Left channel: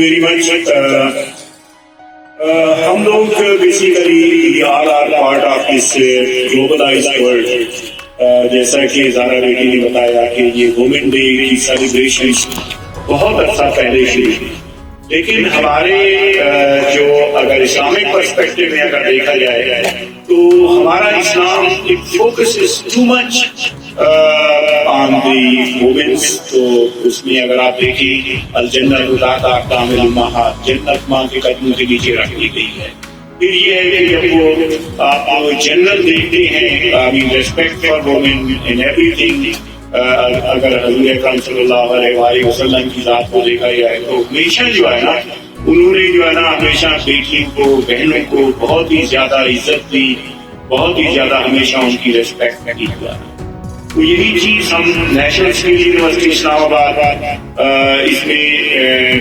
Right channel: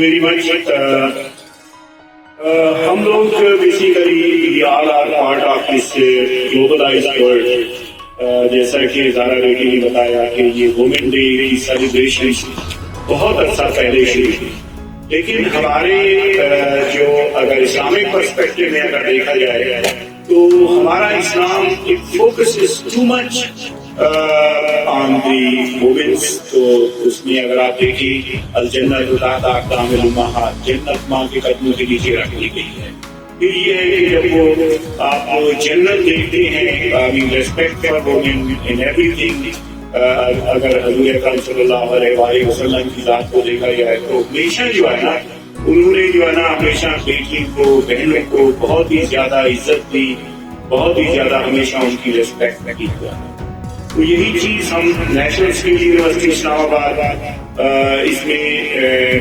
very much. ہم لوگ basically all are part of this globalised world. جیسا کہ زارا بیٹی نے بتایا کہ یہ وومن ڈے کی سیلیبریشن بہت عرصہ پہلے شروع ہوئی، لیکن ہمارے جو اگر اسلامک پرسپیکٹو میں اگر دیکھا جائے تو ہمارا اسلام it focuses too much on the womens. تو اس میں اگر آپ دیکھیں الجنت تحت اقدام الامہات، جنت ماں کے قدموں کے نیچے رکھ دی گئی ہے. پھر یہ ہے کہ جب وہ آپ جنرل دیکھتے ہیں I mean respect for women in ایوری تھنگ. اگر حضور اکرم صلی اللہ علیہ وآلہ وسلم کی ذات کو دیکھا جائے تو ہمیشہ جو ہے نا انہوں نے جو ہے نا ہمیشہ بیٹیوں کو، بہنوں کو بہت ہی زیادہ عزت دی، بہت ہی زیادہ ہمیشہ ان کی ریسپیکٹ کی. تو یہی چیز ہم نیشنل اسکل یونیورسٹی اسلام آباد اس میں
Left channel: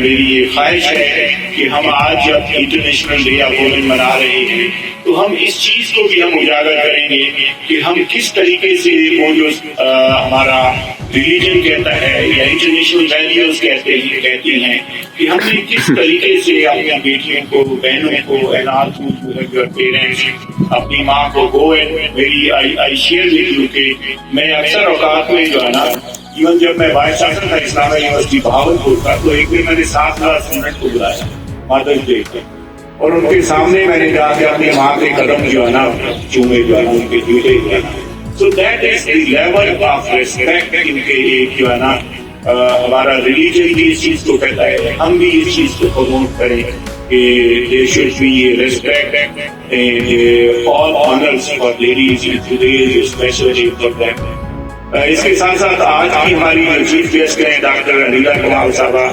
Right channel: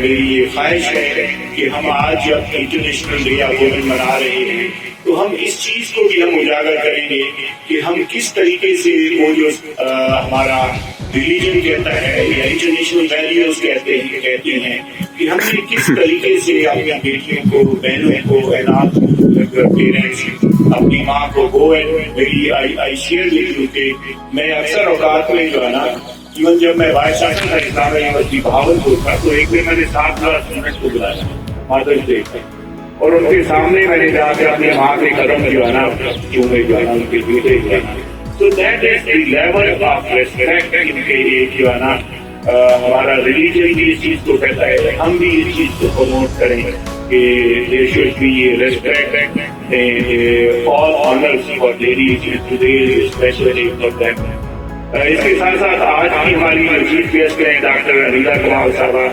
میری یہ خواہش ہے کہ ہم آج جب انٹرنیشنل ڈے آف وومن منا رہے ہیں تو ہم اس چیز کو بھی ہم اجاگر کریں گے کہ ہم کس طریقے سے وہ جو ہمارا ریلیجن کہتا ہے یا انٹرنیشنل ویلیوز کہتی ہیں کہ ہم نے کس طریقے سے اپنی بیٹیوں کو، بہنوں کو، اینات پیرنٹس، اپنی ماں کو گو اینڈ میری آئی شیئر ود یو کہ میں اکثر اوقات میں جو ہے نا ایون جب میں وائس چانسلر تھا اسلامیہ یونیورسٹی بہاولپور کا تو ایک دن میں نے 7,000 اسٹوڈنٹ کو بلایا مادرس ڈے پہ، اور ان کے سامنے میں نے جا کے اپنی ماں کے قدم جو ہے نا چومے جو ہے نا ان کے جوتے جو ہے نا. So that is the level of respect ان کے لیے جو ہے نا ہمارا ریلیجن بھی اس چیز کو کہتا ہے. ہم بھی اس چیز کو پروموٹ کریں کہ there should be respect and all honors for ladies and today is a special day for them. اس کے ساتھ ساتھ آج کی ہماری جو چیف گیسٹ ہیں ڈاکٹر انیلا کمار صاحبہ،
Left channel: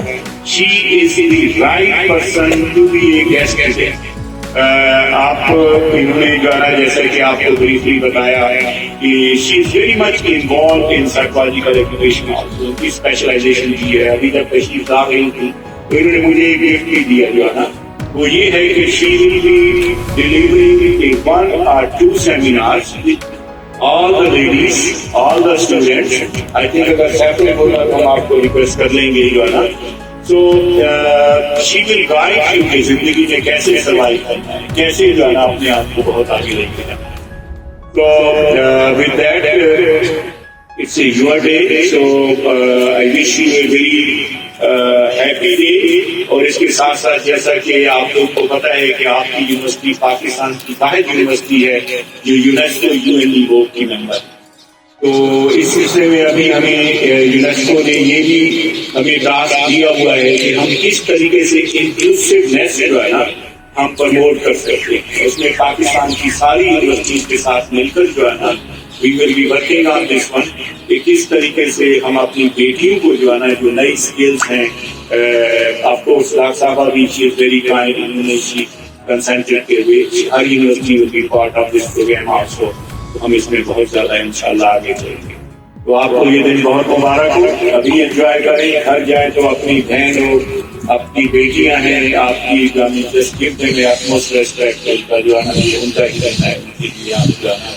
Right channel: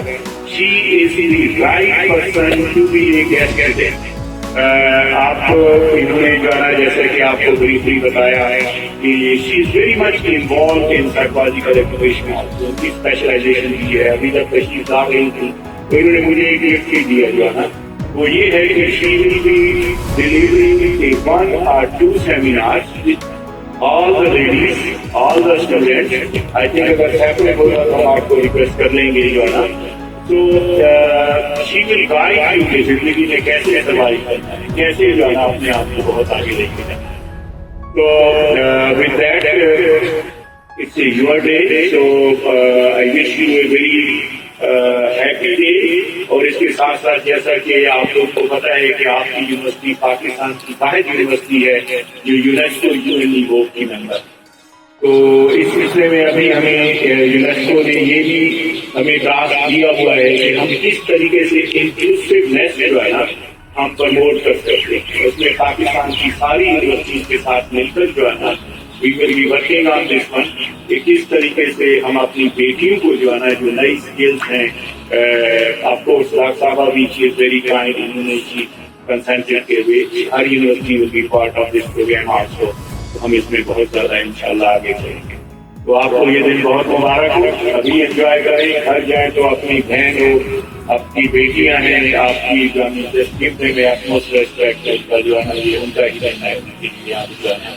she is the right person to be a guest today. آپ انہوں نے جو ہے نا جیسا کہ آپ کو بریفلی بتایا کہ she is very much involved in psychological education also. ان کی اسپیشلائزیشن بھی ہے. ابھی تک تشریف لا رہی تھی تو انہوں نے مجھے ایک گفٹ بھی دیا جو ہے نا وہ یہ ہے کہ she will be delivering 1 or 2 seminars with all the ladies, all the students. I think اگر سیپریٹ ہوگا تو ہم آپ کو ریکویسٹ کر لیں گے جو ہے نا. So she will guide you کہ زندگی میں کیسے سروائیو کرنا ہے، کیسے جو ہے نا اپنے آپ کو بہت آگے لے کے جانا ہے. So with that it's your day. So I wish you a very happy day. اور اس کے ساتھ ساتھ جیسا کہ آپ لوگ کو پتہ ہے کہ آپ کی یونیورسٹی پاکستان کی واحد یونیورسٹی ہے جو یونیسکو UN بورڈ کی ممبر ہے. تو اس سلسلے میں ابھی ہمیں یونیسکو نے یہ بھی ہمیں ٹاسک دیا ہوا ہے کہ ہم کس طریقے سے انکلوسیونیس جو ہے نا ہم پروموٹ کر سکتے ہیں. اس میں پاکستان کی ساری یونیورسٹیز کے ساتھ مل کر جو ہے نا we will be working on this one کہ کس طریقے سے ہم اپنی بیٹیوں کو جو ہے نا جو نئی اسکلز ہیں آف کورس ڈاکٹر صاحبہ بھی she is very kind. انہوں نے کنسنٹریٹ کے ہوئے ہر university will be part of this program also. ہم اس میں بہت زیادہ انشاءاللہ آگے چلیں گے. تو آپ کو یہ دن بہت مبارک ہو. ابھی انجوائے کریں، گھر جائیں تو اپنی بہن ہو، اپنی بیٹیاں ہیں، آپ کی جو utmost respect کا جو ہے نا یہ ان کا ہی کرنا ہے. ان کے لیے آپ جو ہے نا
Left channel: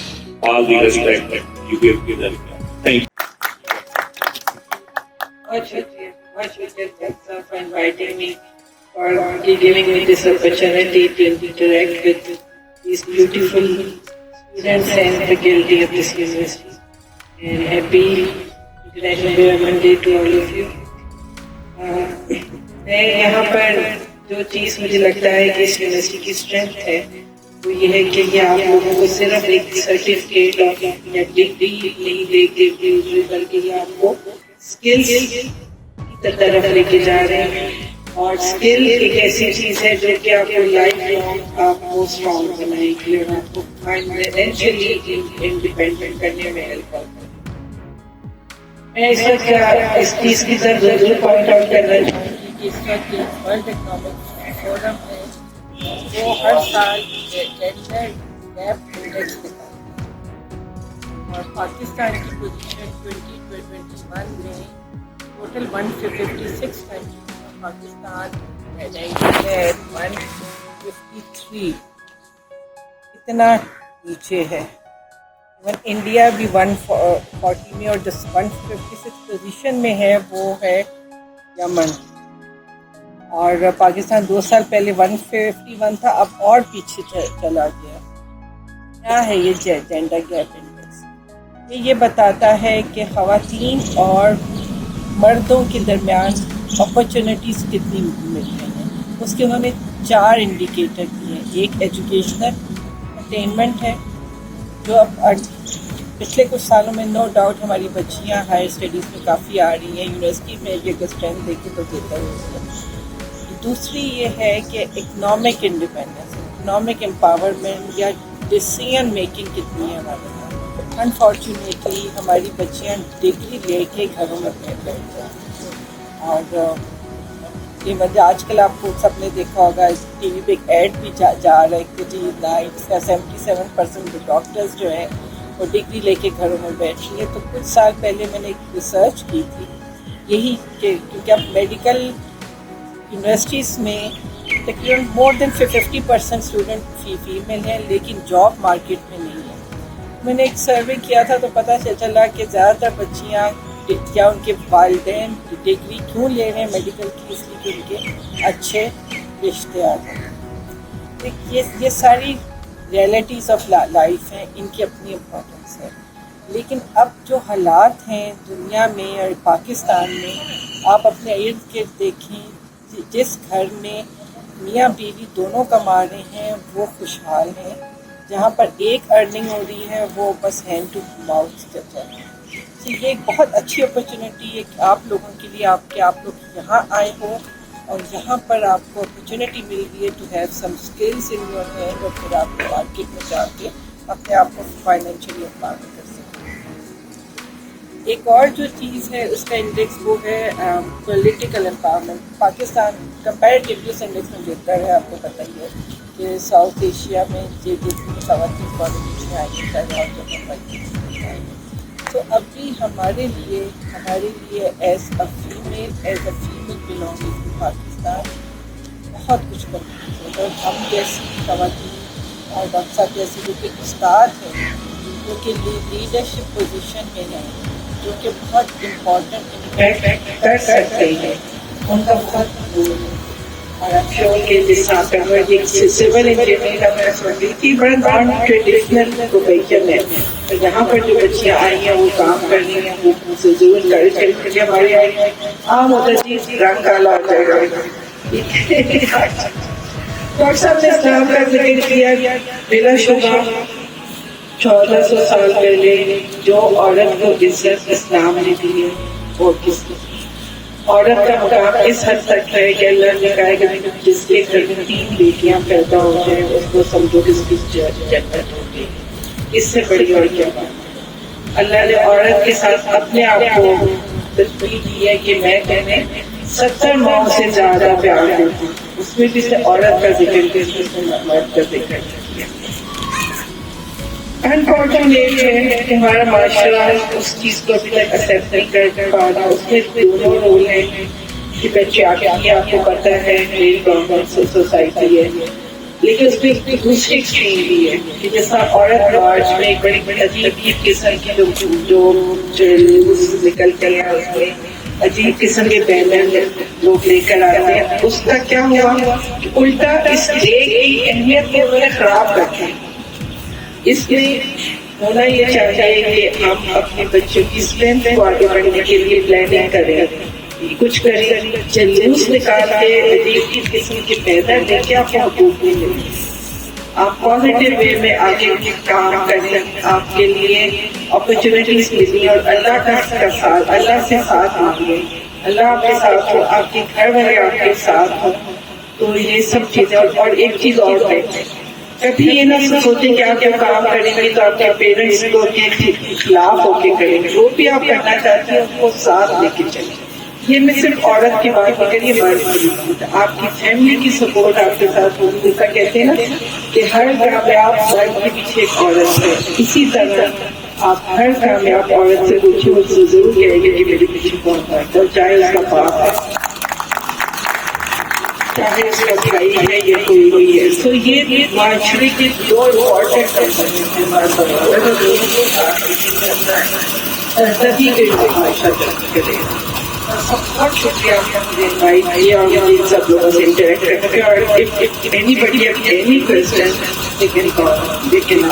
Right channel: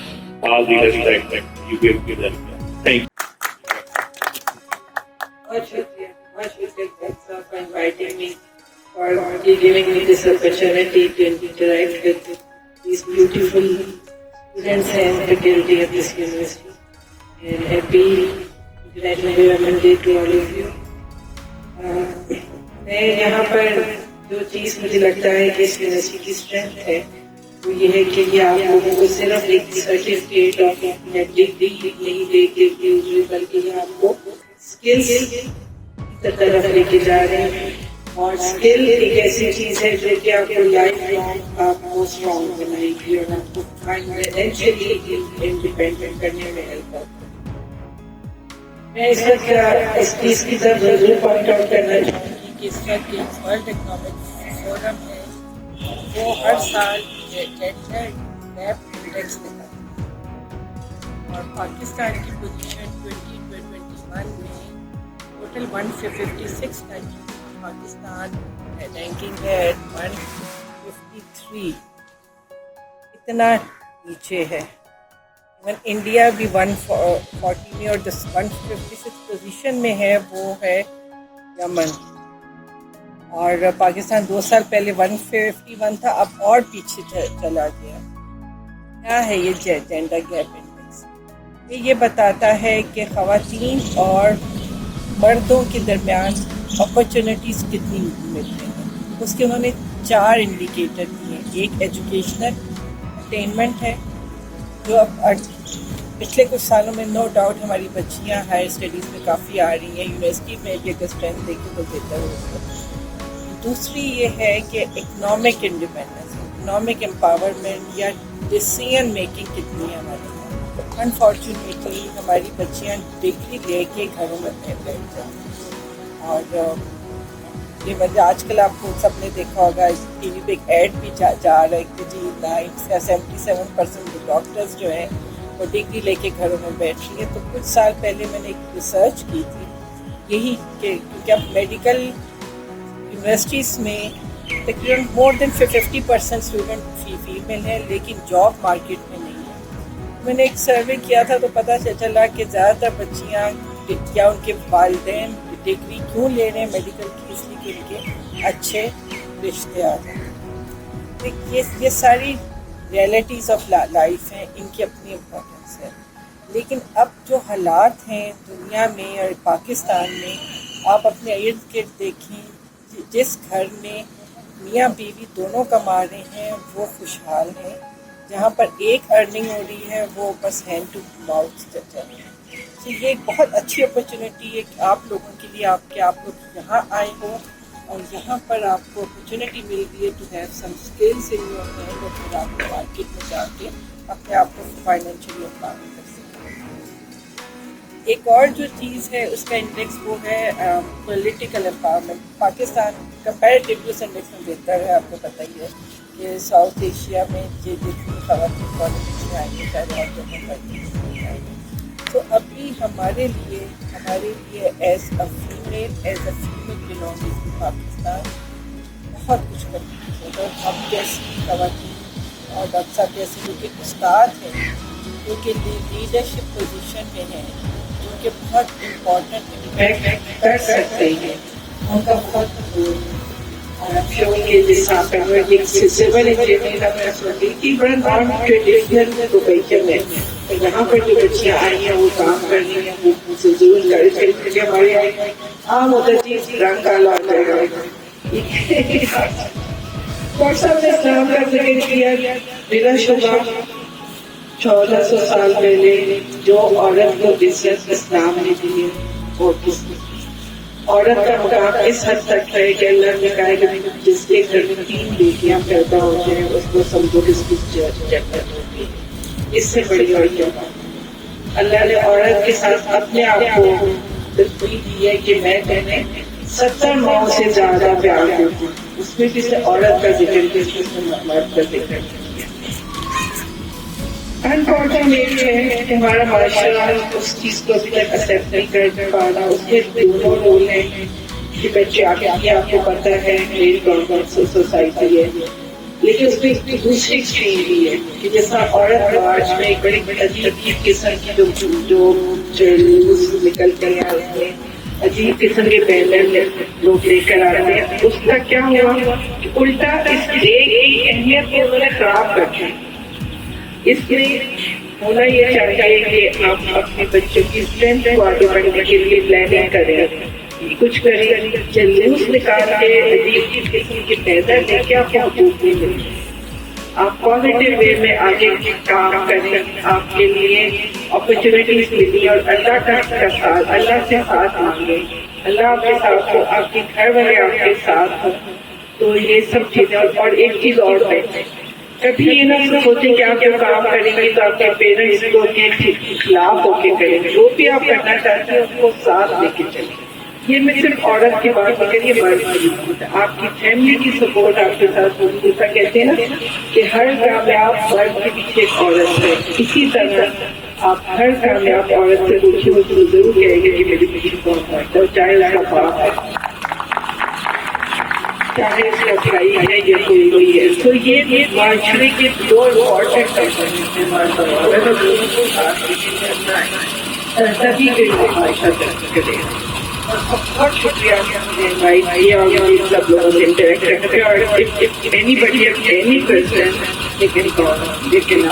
all the respect you give to them. Thank you. Much sir, for inviting me, for giving me this opportunity to interact with these beautiful students and faculty of this university. And happy International Women's Day to all of you. میں یہاں پر جو چیز مجھے لگتا ہے کہ اس university کی strength ہے وہ یہ ہے کہ یہ آپ لوگوں کو صرف ایک سرٹیفکیٹ آف ڈگری نہیں دے کے بلکہ یہ آپ کو اسکلز کی طرف لے کے جا رہے ہیں. اور اسکل ایک ایسی چیز ہے جو کہ آپ کو لائف لانگ آپ کو اسٹرانگ بنائے گی اور آپ کو فائنینشلی انڈیپینڈنٹ کرنے میں ہیلپ کرتا ہے. میں اس وقت اس چیز کی طرف ضرور پوائنٹ آؤٹ کرنا چاہوں گی کہ اس وقت ورلڈ اکنامک فورم ہے وہ ہر سال جینڈر گیپ انڈیکس دیتا ہے اور پاکستان کی پوزیشن 2021 میں ٹوٹل 156 کنٹریز میں پاکستان رینکنگ ہے 153. اتنا نیچے ہے. انڈیا بھی 140 میں اور جس 156 پوزیشن میں ہے وہ ہے یمن. اور پاکستان 2 سال پہلے 151 تھا، اب اور پیچھے چلا گیا. کیا ہے یہ جینڈر گیپ انڈیکس؟ یہ بتاتا ہے کہ خواتین اور مردوں کے درمیان اپرچونٹیز کتنی ملتی ہیں. اس کے انہوں نے 4 انڈیکیٹر دیے ہیں. ایک ایجوکیشنل اٹینمنٹ ہے، جو اب پچھلے کچھ سالوں میں نو ڈاؤٹ ہماری بچیاں ہائر اسٹڈیز میں کافی آ رہی ہیں، یونیورسٹی میں بھی اگر اسٹرینتھ دیکھیں تو دیتا ہے اس کو. دوسری یہ ہے کہ اکنامک انڈیپینڈنس، اکنامک امپاورمنٹ یا ڈیسیژن میکنگ کتنی ہے ہمارے یہاں. انفارچونیٹلی ہماری بچیاں ڈگری لے کے گھروں میں بیٹھ ہیں. اور یہ وجہ آج کل آپ کو سب نے دیکھا ہوگا، ٹی وی پہ ایک ایڈ بھی جا رہا ہے کہ جی 77% ڈاکٹرز جو ہیں وہ ڈگری لے کے گھروں میں بیٹھ رہی ہے. تو کچھ سال پہلے میں نے ایک ریسرچ کی تھی یہی کہ کیونکہ اب میڈیکل یونیورسٹیز میں تقریباً مور دین 50% اسٹوڈنٹ فیمیل ہیں، لیکن جاب مارکیٹ میں نہیں ہے. میں نے ایک سروے کیا تھا تو پتہ چلا کہ زیادہ تر بچیاں یا ان کے والدین ڈگری کیوں لے رہے ہیں میڈیکل کی، اس لیے کہ ان کے اچھے رشتے آ جائیں. یہ ساری ریئلٹیز آف لائف ہیں، ان کی اپنی امپورٹنس ہے. لیکن اب جو حالات ہیں دنیا میں اور پاکستان میں، آپ اپنے ارد گرد دیکھیں، جس گھر میں میاں بیوی دونوں کما رہے ہیں وہ خوشحال ہیں. جہاں پر ایک ارننگ ہو رہی ہے وہ بس ہینڈ ٹو ماؤتھ چل رہا ہے. یہ ایک بہت اچھی اپرچونیٹی ہے کہ آپ لوگوں کے لیے آپ لوگ یہاں آئے ہو اور یہاں پر آپ کو اپرچونیٹی مل رہی ہے to have some skills in your hand, اور پھر آپ مارکیٹ میں جا کے اپنے آپ کو فائنینشلی امپاور کر سکتے ہیں. ایک اور جو چیز ہے اس کا انڈیکس وہ ہے پولیٹیکل امپاورمنٹ. پاکستان کمپیریٹیولی اس انڈیکس میں بہتر ہے. آپ کو پتہ ہی ہے کہ ساؤتھ ایشیا میں جتنی خواتین پالیٹیشین آئی ہیں پہلے اور تو ابھی ہمارے لیے as a female belonging to Pakistan بہت کچھ کرنا ہے. اور ہم جیسی خواتین اور ڈاکٹر صاحب جیسے جو کہ استاد ہیں، جو کہ لیڈرشپ پوزیشن میں ہیں، جو کہ بہت امپورٹنٹ کر سکتے ہیں، ان کا بہت رول ہے. اور آپ شو کے جیسا ایک سول انجینئر اپنا سوچی کہ بڑا نان ٹریڈیشنل پروفیشن ہے. تو یہاں پر جو بچیاں آئی ہیں وہ کام کر رہی ہیں، وہ ضرور انکریج کریں. ہمارے آئے عام ہوتا ہے جی رنگ کالا ہو جائے گا. اور سب نے اسلام کا ذکر کیا. میرا شبہ 1400 سال پہلے جو عورت کو عزت اسلام نے دی ہے وہ کس نے؟ عورت کا مقام اس حد تک ہے کہ اللہ نے کہا کہ جس کے گھر میں 3 بیٹیاں پیدا ہو جائیں اس کو سمجھو کس کی جنت ہوگی. اس سے بڑی اور کیا بات ہے؟ اللہ نے عورت کے ساتھ اپنے آپ کو تشبیہ دی ہے کہ میں تمہیں 70 ماؤں سے زیادہ پیار کرتی ہوں. اس میں کسی عورت کا ذکر کسی مرد کا ذکر ہے. انفارچونیٹ ہے کہ ہمارا معاشرہ اس چیز کو ابھی تک ایکسیپٹ نہیں کر پا رہا. اس میں 2 رول ہیں کہ بچے آپ کو پتہ ہے میری گورنمنٹ سوسائٹی ہے، لیکن اس میں ایک دوسری ایکسٹریم بھی ہے کہ جیسا عورت رواج میں ایک بڑی عجیب قسم کی جو نکل کر اس میں عجیب قسم کے پہلے لوگ لے کر آتے ہیں. اس کا کیا ہوا کہ الٹا اس ڈے کی اہمیت کو انہوں نے خراب کر دیا. اس میں ہونا یہ چاہیے کہ ہم اپنے بچوں کی اسٹرینتھ کو آگے بڑھنے کے لیے پلاننگ کریں، کچھ کریں، جلوس نکال کے عجیب قسم کے پیدا کر کے آپ کو حقوق بھی ملیں. آپ پازیٹیو وے میں آگے کام کریں، آپ کے لیے اپرچونیٹیز ملیں اور اللہ کا ساتھ، اللہ سے ساتھ مانگیں. اللہ آپ کے ساتھ ہو، آپ کے گھر والے آپ کے ساتھ ہو. تو یہ سب چیزیں. اور ایک چیز اور ہے، کبھی یہ نہ سوچیں کہ آپ جو کام کریں گے تو آپ کے پیرنٹس کو کے خلاف ہو کے کریں گے. جو بھی آپ کرنا چاہتے ہیں اس کو ساتھ لے کے چلیں. یہ میں صرف عورت کی بات مگر یہ مرد کی بات ہے. آپ کی فیملی کی سپورٹ آپ کے ساتھ ہوگی. جیسا کہتے ہیں نا کہ ہر کامیاب مرد کے پیچھے ایک عورت ہے، اسی طرح آپ ہر کامیاب عورت سے پوچھیں، اس سے ضرور کہیں گے کہ میرے پیچھے کون مرد ہے، چاہے اس کا باپ ہے، چاہے اس کا بھائی ہے یا کوئی ہے. تو یہ معاشرے کے 2 امپورٹنٹ تبھی کے لوگ معاشرہ ترقی کرے گا. بہت شکریہ بھائی کیا اور سب لوگوں سے انٹریکٹ کیا. Anybody at any person you can